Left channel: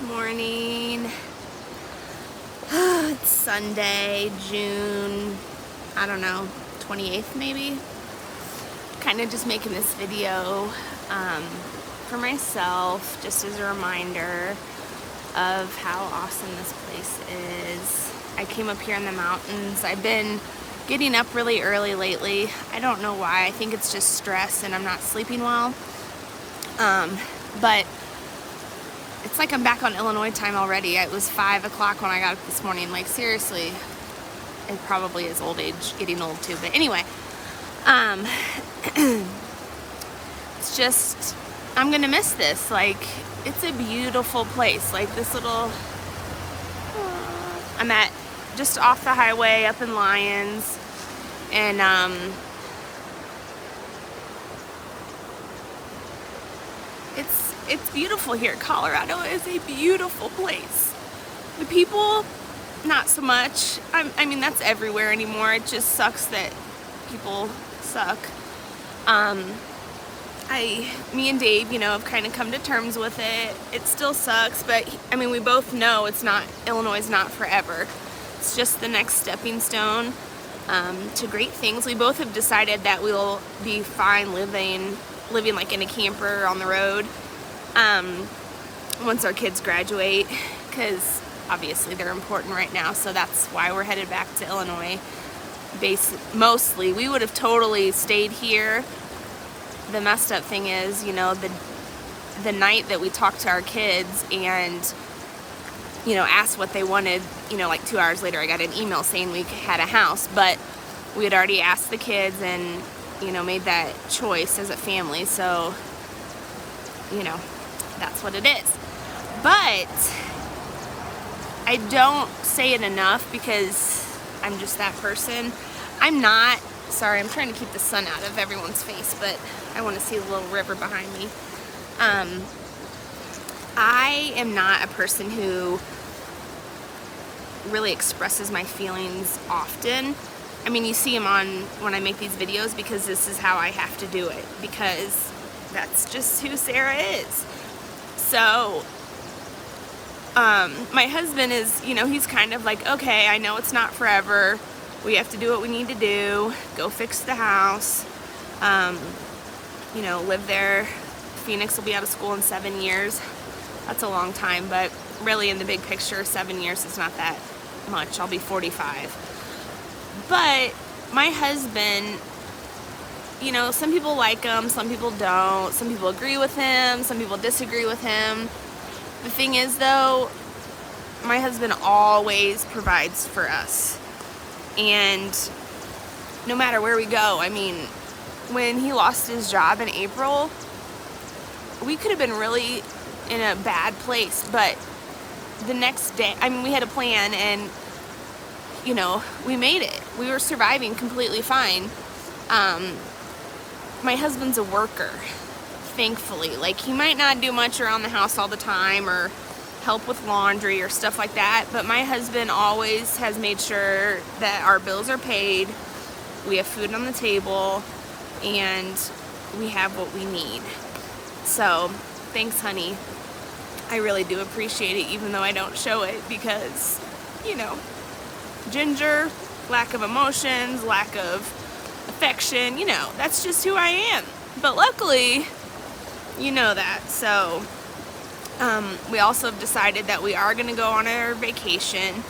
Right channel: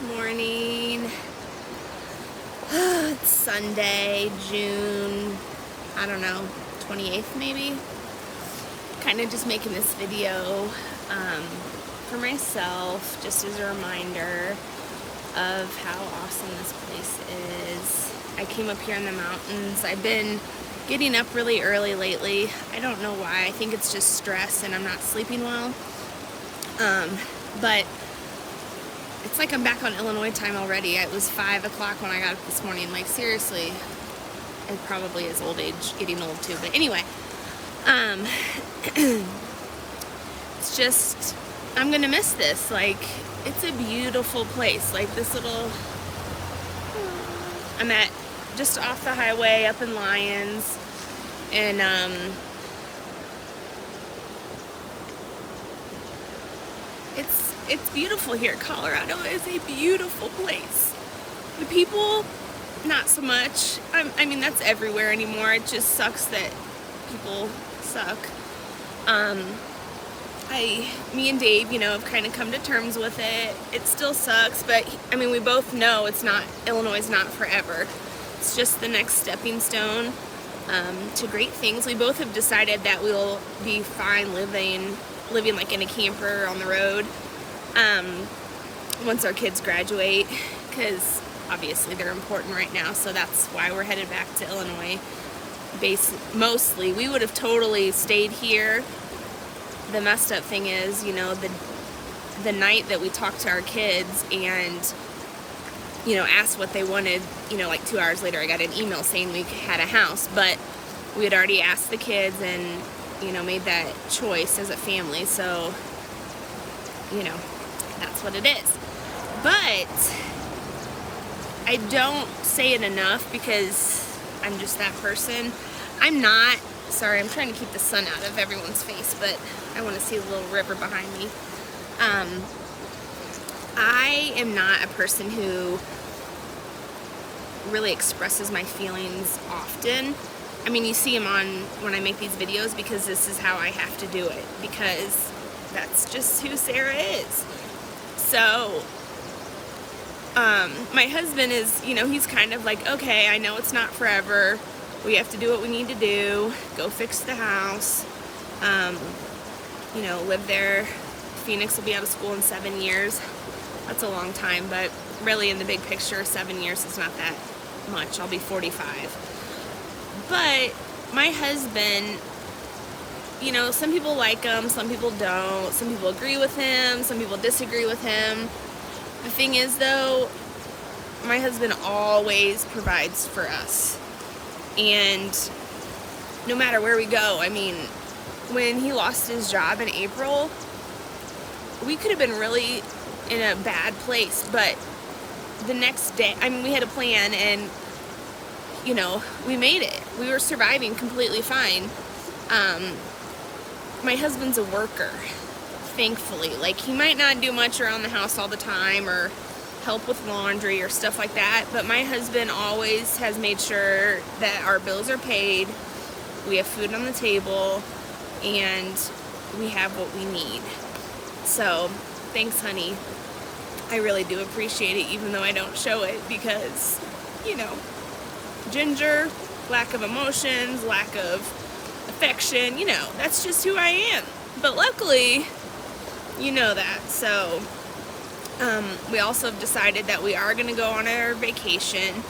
Good morning. It's Sunday, June, I don't know, 28th maybe. Kind of just making this video for myself, just as a reminder of how awesome this place is. I came up here in the mountains. I've been getting up really early lately. I don't know why. I think it's just stress and I'm not sleeping well. But it's like I'm back on Illinois time already. It was 5 o'clock when I got up this morning. Like, seriously, it probably is old age, getting old too. But anyway, it's just, I'm gonna miss this. Like, it's a beautiful place. Like this little, I'm at just off the highway up in Lyons, and it's beautiful here. Colorado is a beautiful place. The people, not so much. I mean, that's everywhere anymore. It just sucks that people suck. Me and Dave, have kind of come to terms with it. It still sucks, but I mean, we both know Illinois is not forever. It's just the next stepping stone to great things. We both have decided that we'll be fine living like in a camper on the road once our kids graduate, because obviously they're important right now. So that's why we're headed back to Illinois. Mostly, we would have totally stayed here. The messed up thing is, the night that we talked to our kids and, asked what they wanted, like 2 hours later, I got an email saying we had a house, but we had already asked the kids and, made that choice as a family. So, that's what it is. But I don't say it enough because I'm just that person. I'm trying to keep the sun out of everyone's face, but I want to see the little river behind me. I am not a person who really expresses my feelings often. I mean, you see them when I make these videos because this is how I have to do it, because that's just who Sarah is. So, my husband is, he's kind of like, okay, I know it's not forever. We have to do what we need to do. Go fix the house. Live there. Phoenix will be out of school in 7 years. That's a long time, but really in the big picture, 7 years is not that much. I'll be 45. But my husband, some people like him, some people don't. Some people agree with him, some people disagree with him. The thing is, though, my husband always provides for us. And no matter where we go, I mean, when he lost his job in April, we could have been really in a bad place. But the next day, I mean, we had a plan and, we made it. We were surviving completely fine. My husband's a worker, thankfully. Like, he might not do much around the house all the time or help with laundry or stuff like that, but my husband always has made sure that our bills are paid, we have food on the table, and we have what we need. So, thanks, honey. I really do appreciate it, even though I don't show it, because, Ginger, lack of emotions, lack of affection, that's just who I am. But luckily, that. So, we also have decided that we are going to go on our vacation.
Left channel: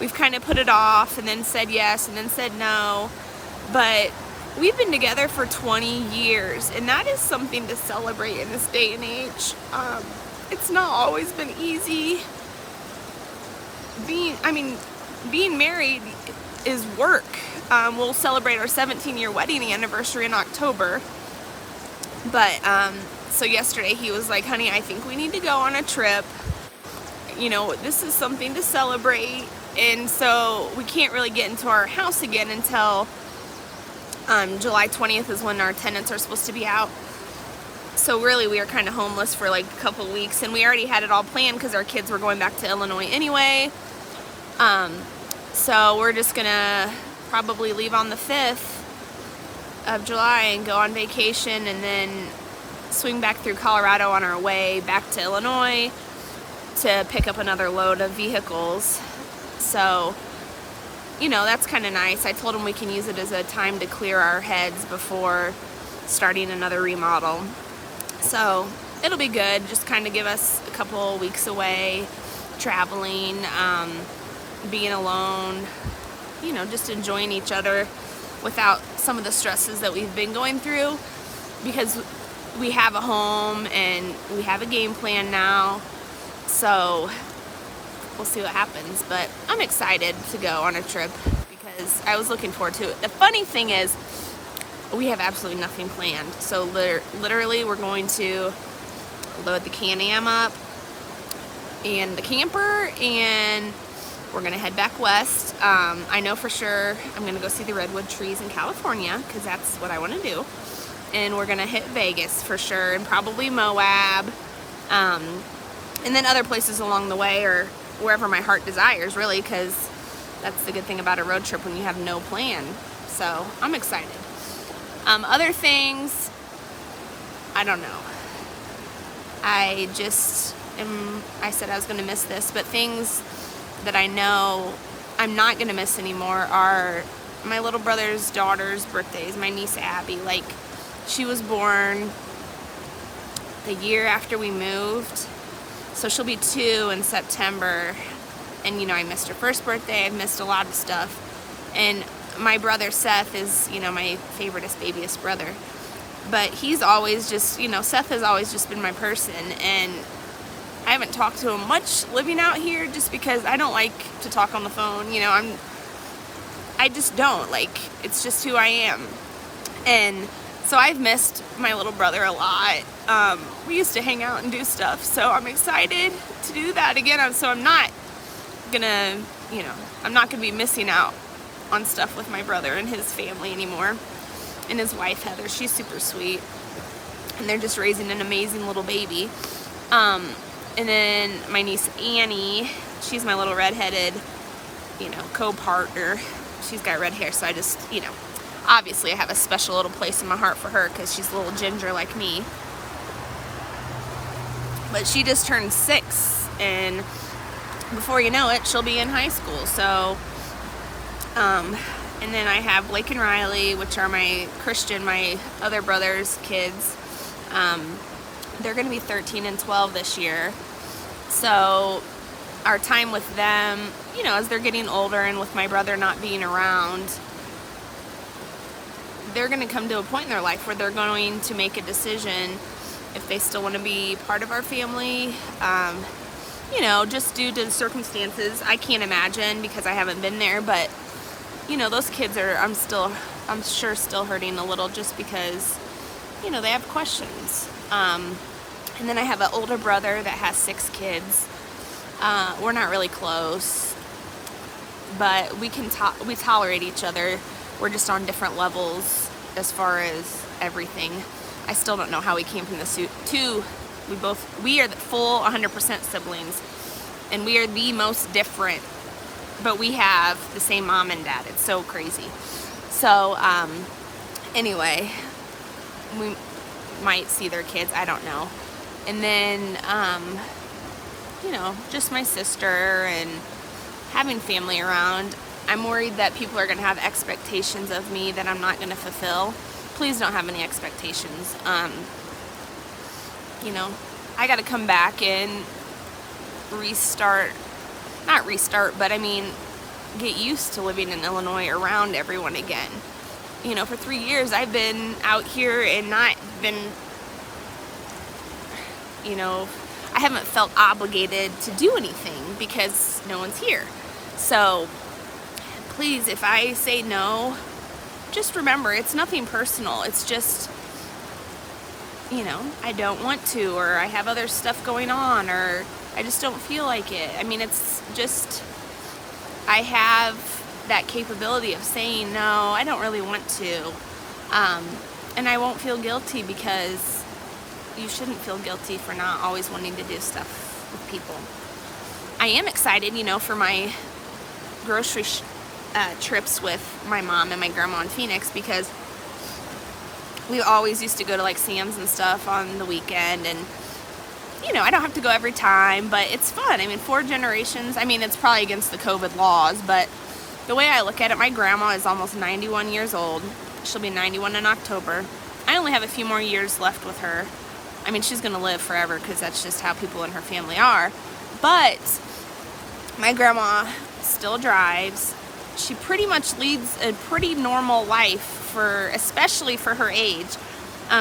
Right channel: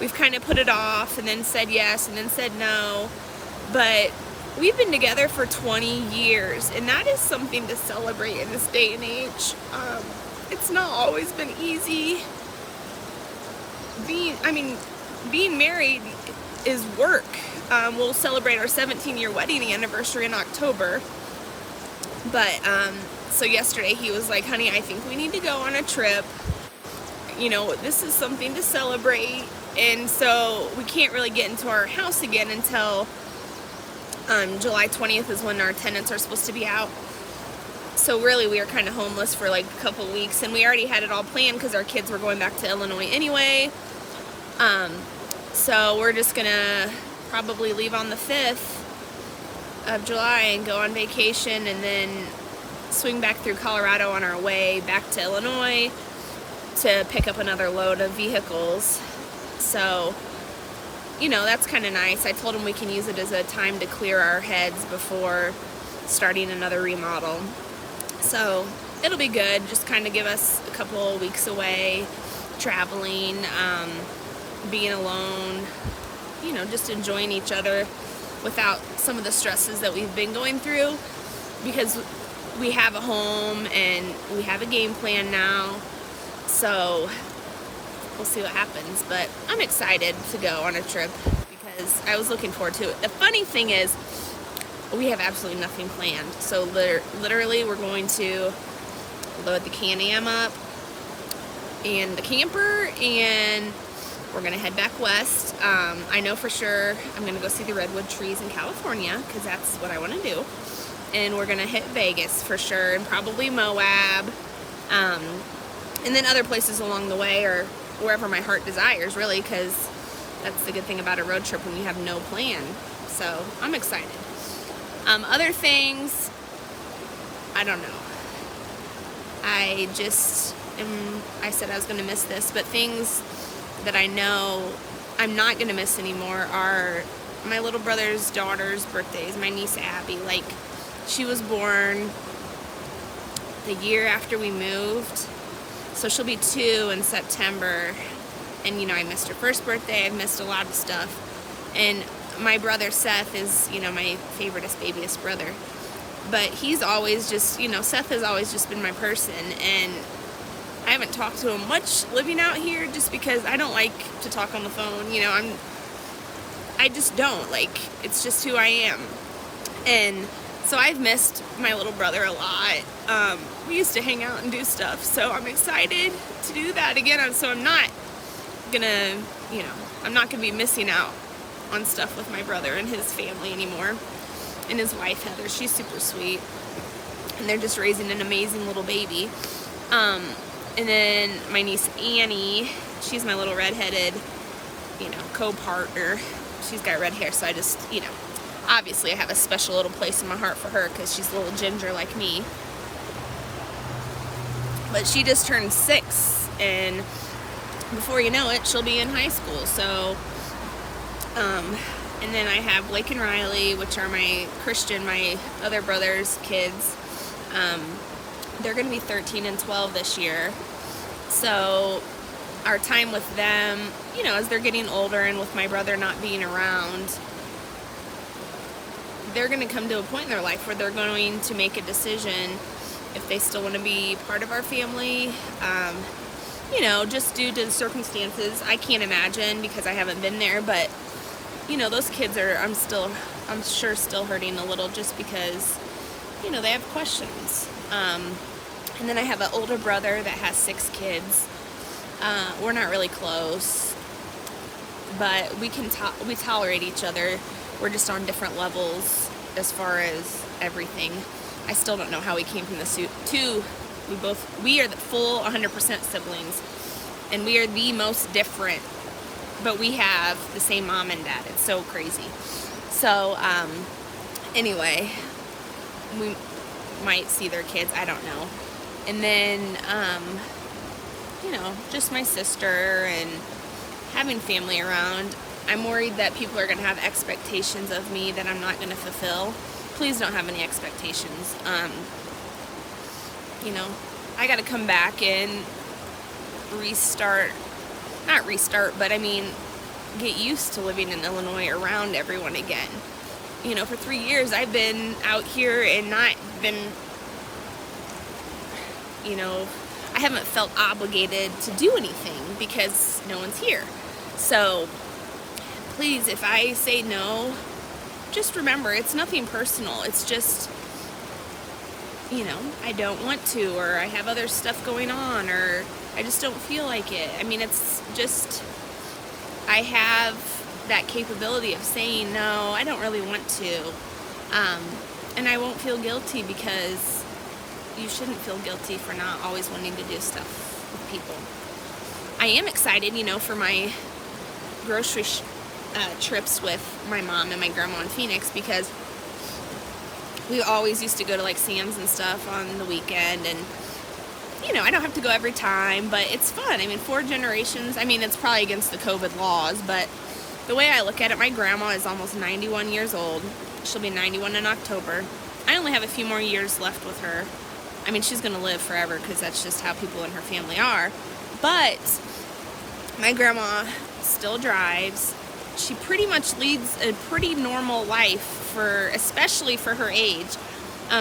We've kind of put it off and then said yes and then said no. But we've been together for 20 years, and that is something to celebrate in this day and age. It's not always been easy. Being married is work. We'll celebrate our 17-year wedding anniversary in October. But, so yesterday he was like, honey, I think we need to go on a trip. This is something to celebrate. And so we can't really get into our house again until July 20th is when our tenants are supposed to be out. So really we were kind of homeless for like a couple weeks, and we already had it all planned because our kids were going back to Illinois anyway. So we're just gonna probably leave on the 5th of July and go on vacation, and then swing back through Colorado on our way back to Illinois to pick up another load of vehicles. So, you know, that's kind of nice. I told him we can use it as a time to clear our heads before starting another remodel. So it'll be good. Just kind of give us a couple weeks away, traveling, being alone, you know, just enjoying each other without some of the stresses that we've been going through, because we have a home and we have a game plan now. So we'll see what happens, but I'm excited to go on a trip because I was looking forward to it. The funny thing is, we have absolutely nothing planned. So literally we're going to load the Can-Am up and the camper, and we're gonna head back west. I know for sure I'm gonna go see the redwood trees in California because that's what I want to do, and we're gonna hit Vegas for sure, and probably Moab, and then other places along the way, or wherever my heart desires, really, because that's the good thing about a road trip when you have no plan. So I'm excited. Other things, I don't know. I said I was going to miss this, but things that I know I'm not going to miss anymore are my little brother's daughter's birthdays. My niece Abby, like, she was born the year after we moved, so she'll be 2 in September. And, you know, I missed her first birthday. I've missed a lot of stuff. And my brother Seth is, you know, my favoriteest, babyest brother. But he's always just, you know, Seth has always just been my person. And I haven't talked to him much living out here just because I don't like to talk on the phone. You know, I just don't. Like, it's just who I am. And so I've missed my little brother a lot. We used to hang out and do stuff. So I'm excited to do that again. So I'm not gonna, you know, I'm not gonna be missing out on stuff with my brother and his family anymore. And his wife Heather, she's super sweet, and they're just raising an amazing little baby. And then my niece Annie, she's my little redheaded, you know, co-partner. She's got red hair, so I just, you know, obviously I have a special little place in my heart for her because she's a little ginger like me. But she just turned 6, and before you know it, she'll be in high school. So, and then I have Blake and Riley, which are my other brother's kids. They're going to be 13 and 12 this year. So our time with them, you know, as they're getting older and with my brother not being around, they're going to come to a point in their life where they're going to make a decision if they still want to be part of our family. You know, just due to the circumstances, I can't imagine because I haven't been there, but you know, those kids are, I'm sure still hurting a little just because, you know, they have questions. And then I have an older brother that has 6 kids. We're not really close, but we tolerate each other. We're just on different levels as far as everything. I still don't know how we came from the two. We are the full 100% siblings, and we are the most different, but we have the same mom and dad. It's so crazy. So, anyway, we might see their kids, I don't know. And then, you know, just my sister and having family around. I'm worried that people are going to have expectations of me that I'm not going to fulfill. Please don't have any expectations. You know, I got to come back and not restart, but I mean, get used to living in Illinois around everyone again. You know, for 3 years I've been out here and not been, you know, I haven't felt obligated to do anything because no one's here. So please, if I say no, just remember it's nothing personal. It's just, you know, I don't want to, or I have other stuff going on, or I just don't feel like it. I mean, it's just, I have that capability of saying no, I don't really want to. And I won't feel guilty, because you shouldn't feel guilty for not always wanting to do stuff with people. I am excited, you know, for my grocery trips with my mom and my grandma in Phoenix, because we always used to go to like Sam's and stuff on the weekend, and you know, I don't have to go every time, but it's fun. I mean, 4 generations. I mean, it's probably against the COVID laws, but the way I look at it, my grandma is almost 91 years old. She'll be 91 in October. I only have a few more years left with her. I mean, she's going to live forever because that's just how people in her family are. But my grandma still drives. She pretty much leads a pretty normal life, especially for her age.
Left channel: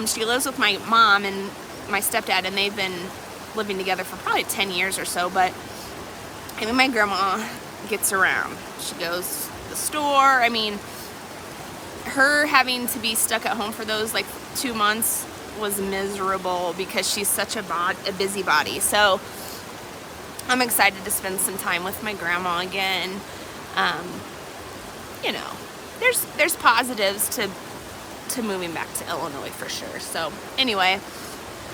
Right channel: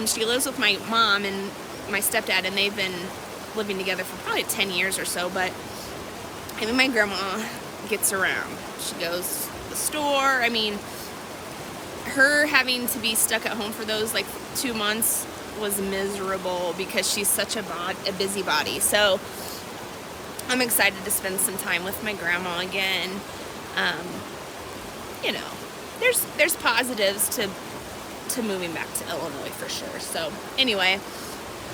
She lives with my mom and my stepdad, and they've been living together for probably 10 years or so. But I mean, my grandma gets around. She goes to the store. I mean, her having to be stuck at home for those like 2 months was miserable because she's such a busybody. So I'm excited to spend some time with my grandma again. You know, there's positives to moving back to Illinois for sure. So anyway,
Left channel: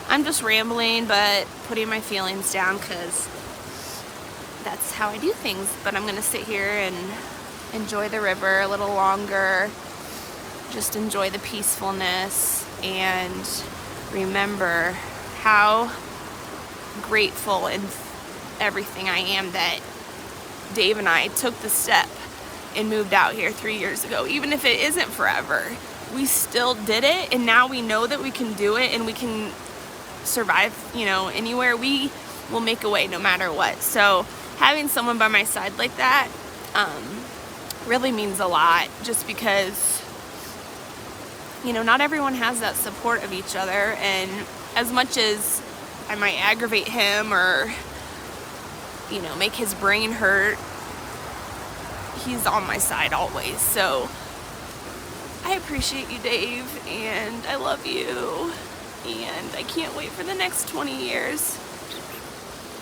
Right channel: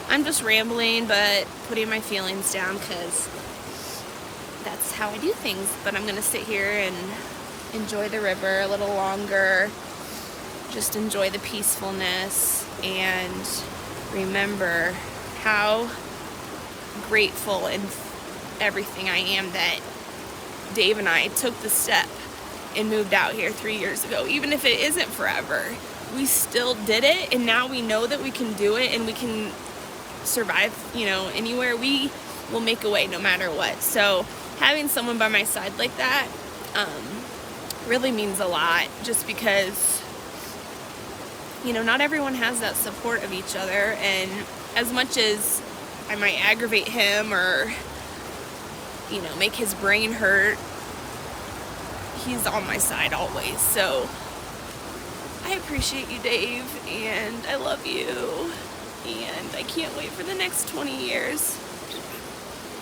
I'm just rambling, but putting my feelings down because that's how I do things. But I'm going to sit here and enjoy the river a little longer, just enjoy the peacefulness, and remember how grateful and everything I am that Dave and I took the step and moved out here 3 years ago. Even if it isn't forever, we still did it, and now we know that we can do it and we can survive, you know, anywhere. We will make a way no matter what. So having someone by my side like that really means a lot, just because, you know, not everyone has that support of each other. And as much as I might aggravate him or, you know, make his brain hurt, he's on my side always. So I appreciate you, Dave, and I love you, and I can't wait for the next 20 years.